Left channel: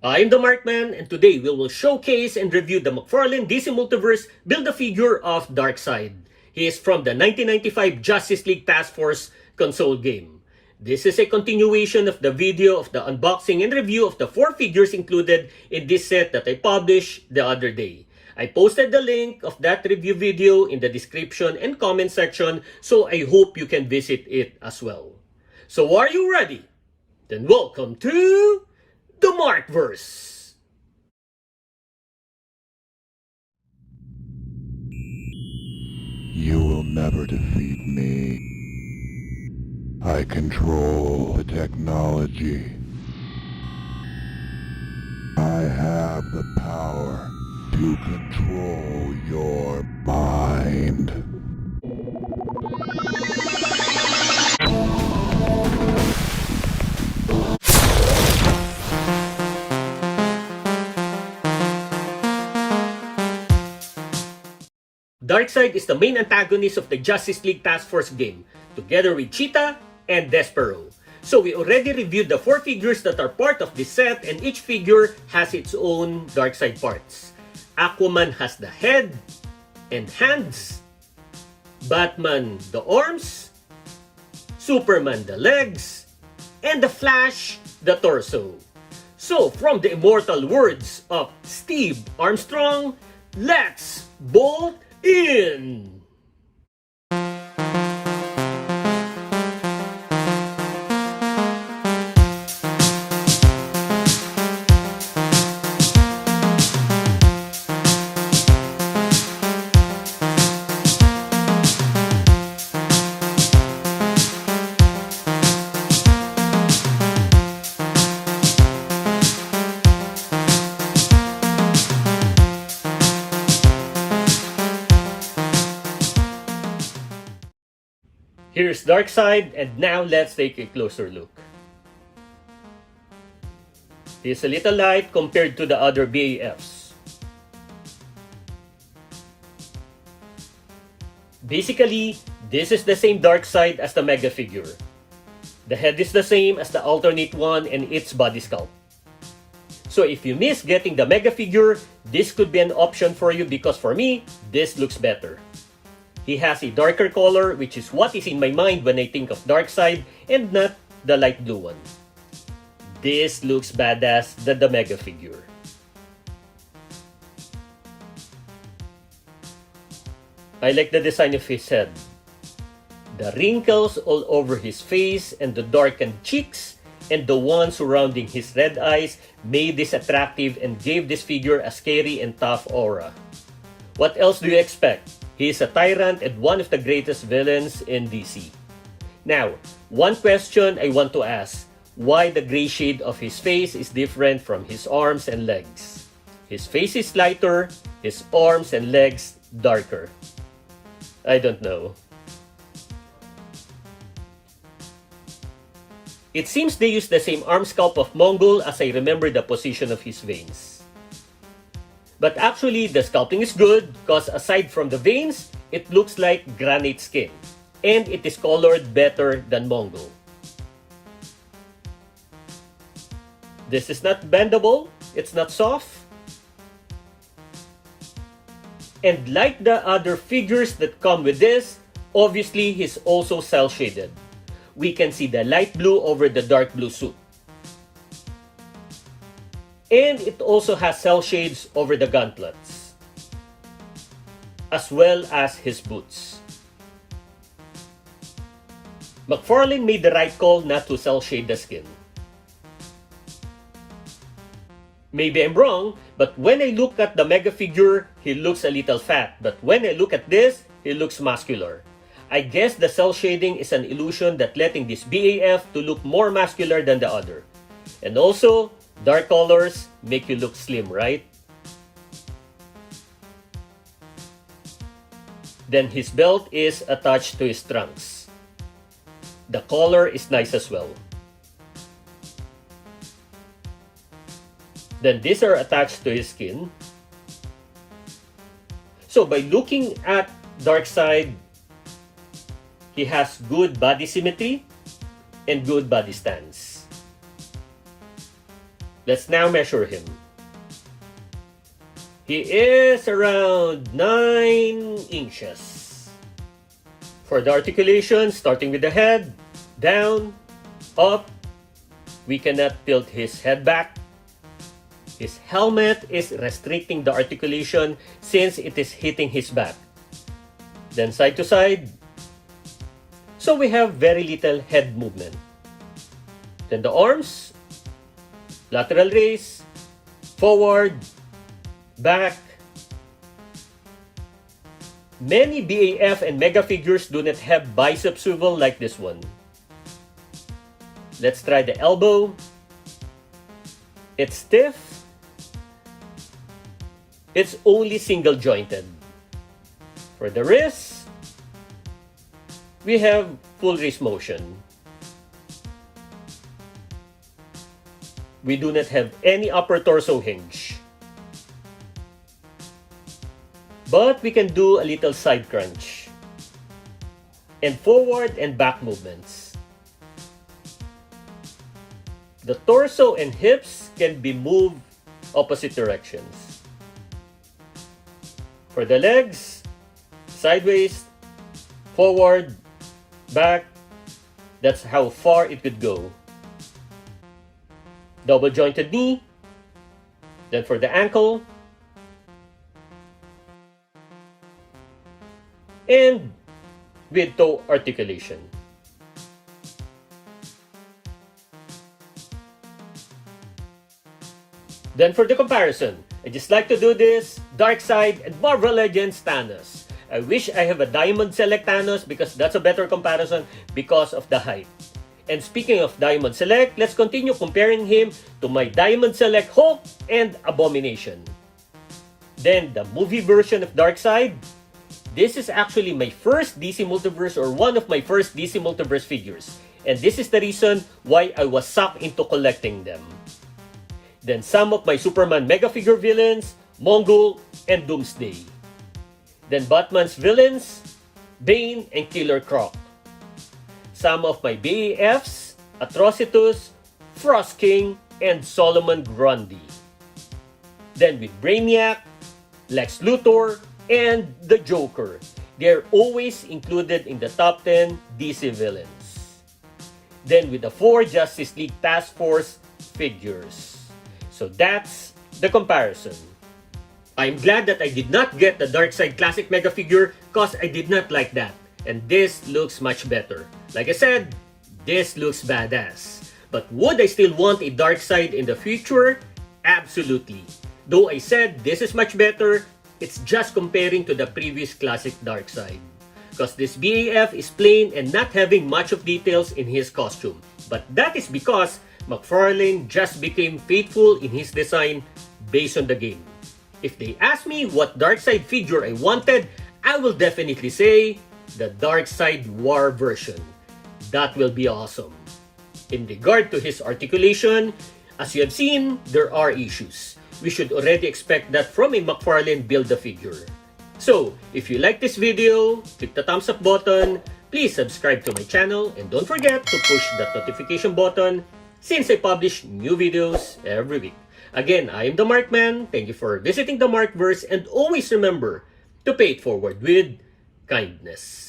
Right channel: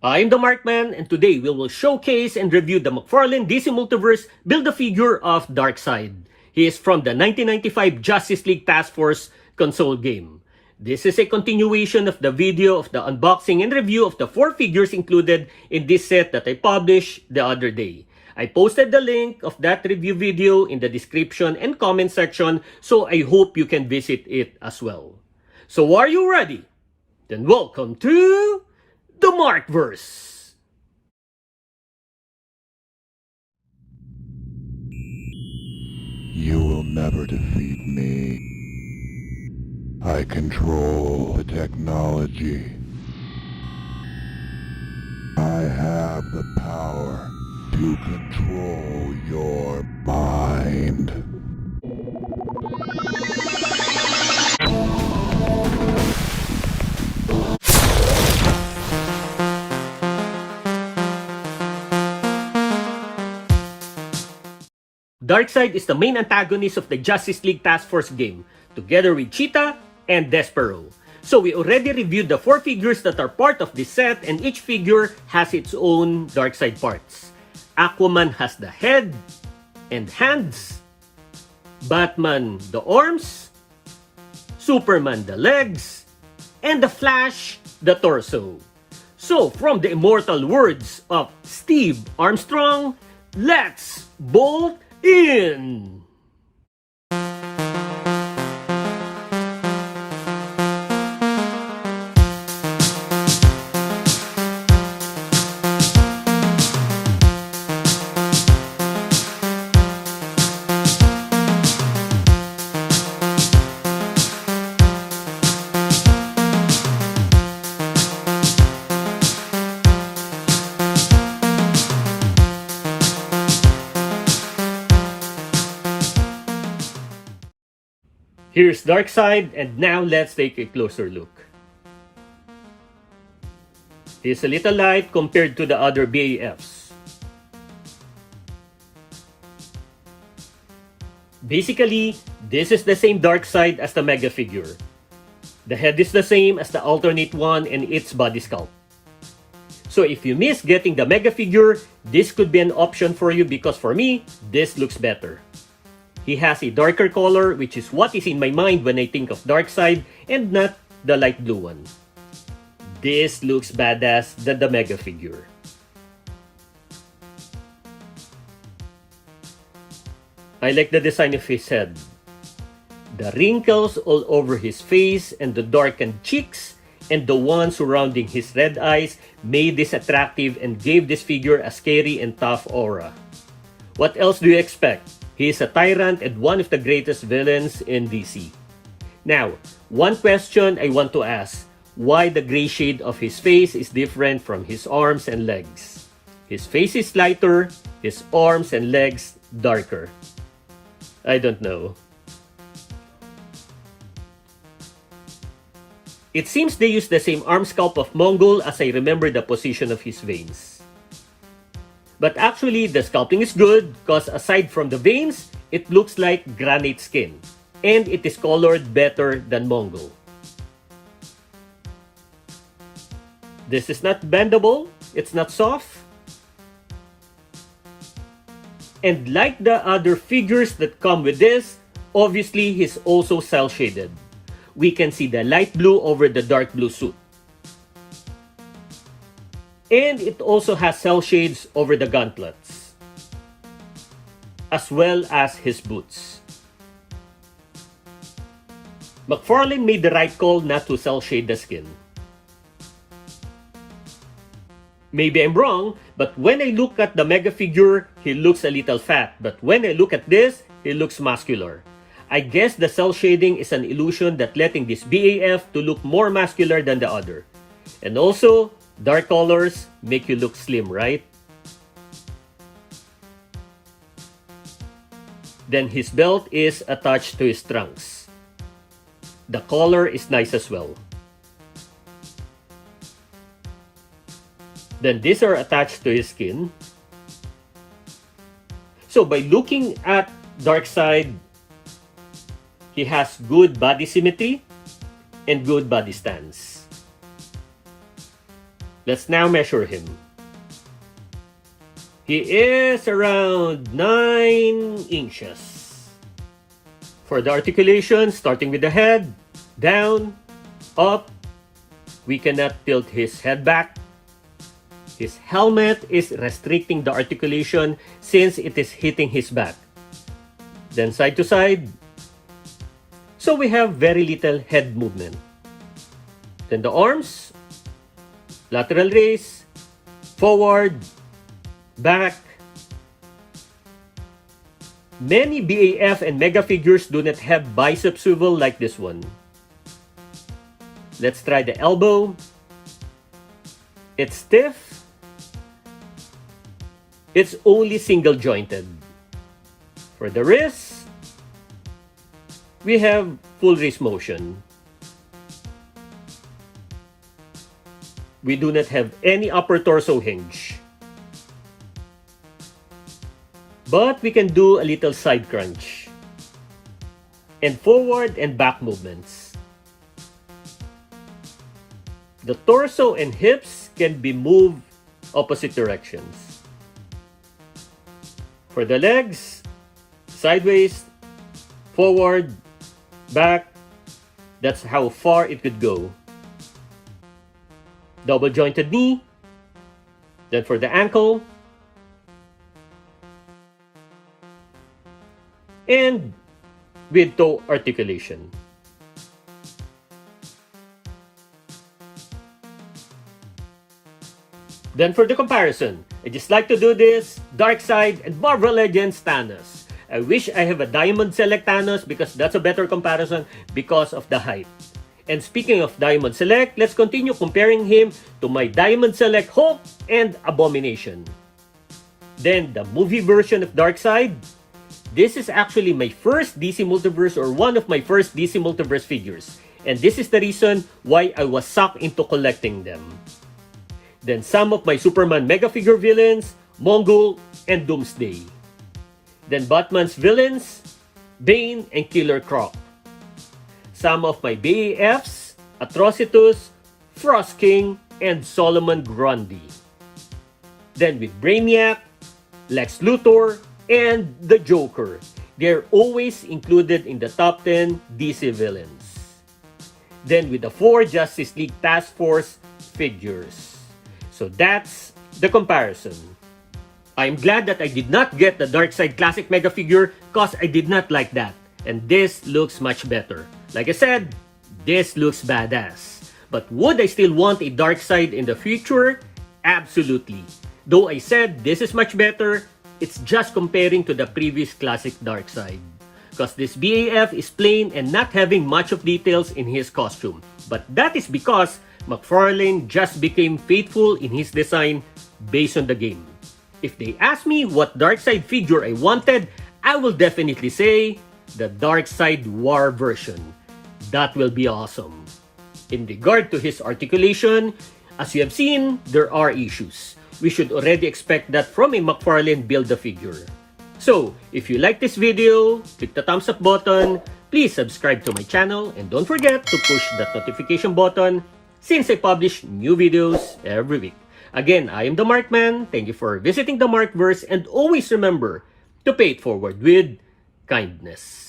I'm the Markman, and today we will showcase and review the McFarlane DC Multiverse Build-A-Figure of Darkseid. He is from the 1995 Justice League Task Force console game. This is a continuation of the video of the unboxing and review of the 4 figures included in this set that I published the other day. I posted the link of that review video in the description and comment section, so I hope you can visit it as well. So are you ready? Then welcome to the Markverse. You will never defeat me. I control the technology. I have the power to control your mind. Darkseid is the main antagonist of the Justice League Task Force game, together with Cheetah and Despero. So we already reviewed the 4 figures that are part of this set, and each figure has its own Darkseid parts. Aquaman has the head and hands, Batman the arms, Superman the legs, and the Flash the torso. So from the immortal words of Steve Armstrong, let's bolt in! Here's Darkseid, and now let's take a closer look. He's a little light compared to the other BAFs. Basically, this is the same Darkseid as the Mega figure. The head is the same as the alternate one and its body sculpt. So if you miss getting the Mega figure, this could be an option for you because for me, this looks better. He has a darker color, which is what is in my mind when I think of Darkseid, and not the light blue one. This looks badass than the Mega figure. I like the design of his head. The wrinkles all over his face and the darkened cheeks and the one surrounding his red eyes made this attractive and gave this figure a scary and tough aura. What else do you expect? He is a tyrant and one of the greatest villains in DC. Now, one question I want to ask. Why the gray shade of his face is different from his arms and legs? His face is lighter, his arms and legs darker. I don't know. It seems they use the same arm sculpt of Mongol as I remember the position of his veins. But actually, the sculpting is good because aside from the veins, it looks like granite skin. And it is colored better than Mongol. This is not bendable, it's not soft. And like the other figures that come with this, obviously he's also cel shaded. We can see the light blue over the dark blue suit. And it also has cel shades over the gauntlets, as well as his boots. McFarlane made the right call not to cel shade the skin. Maybe I'm wrong, but when I look at the Mega figure, he looks a little fat. But when I look at this, he looks muscular. I guess the cel shading is an illusion that letting this BAF to look more muscular than the other. And also, dark colors make you look slim, right? Then his belt is attached to his trunks. The collar is nice as well. Then these are attached to his skin. So by looking at Darkseid, he has good body symmetry and good body stance. Let's now measure him. He is around 9 inches. For the articulation, starting with the head, down, up, we cannot tilt his head back. His helmet is restricting the articulation since it is hitting his back. Then side to side. So we have very little head movement. Then the arms, lateral raise, forward, back. Many BAF and Mega figures do not have bicep swivel like this one. Let's try the elbow. It's stiff. It's only single jointed. For the wrist, we have full wrist motion. We do not have any upper torso hinge. But we can do a little side crunch. And forward and back movements. The torso and hips can be moved opposite directions. For the legs, sideways, forward, back. That's how far it could go. Double jointed knee. Then for the ankle. And with toe articulation. Then for the comparison, I just like to do this, Darkseid and Marvel Legends Thanos. I wish I have a Diamond Select Thanos because that's a better comparison because of the height. And speaking of Diamond Select, let's continue comparing him to my Diamond Select Hulk and Abomination. Then the movie version of Darkseid. This is actually my first DC Multiverse or one of my first DC Multiverse figures. And this is the reason why I was sucked into collecting them. Then some of my Superman Mega Figure villains, Mongol and Doomsday. Then Batman's villains, Bane and Killer Croc. Some of my BAFs, Atrocitus, Frost King, and Solomon Grundy. Then with Brainiac, Lex Luthor, and the Joker. They're always included in the top 10 DC villains. Then with the 4 Justice League Task Force figures. So that's the comparison. I'm glad that I did not get the Darkseid Classic Mega figure because I did not like that. And this looks much better. Like I said, this looks badass. But would I still want a Darkseid in the future? Absolutely. Though I said this is much better, it's just comparing to the previous classic Darkseid. Because this BAF is plain and not having much of details in his costume. But that is because McFarlane just became faithful in his design based on the game. If they ask me what Darkseid figure I wanted, I will definitely say the Darkseid War version. That will be awesome. In regard to his articulation, as you have seen, there are issues. We should already expect that from a McFarlane Build-A-Figure. So, if you like this video, click the thumbs up button, please subscribe to my channel, and don't forget to push that notification button since I publish new videos every week. Again, I am the Markman. Thank you for visiting the Markverse, and always remember to pay it forward with kindness.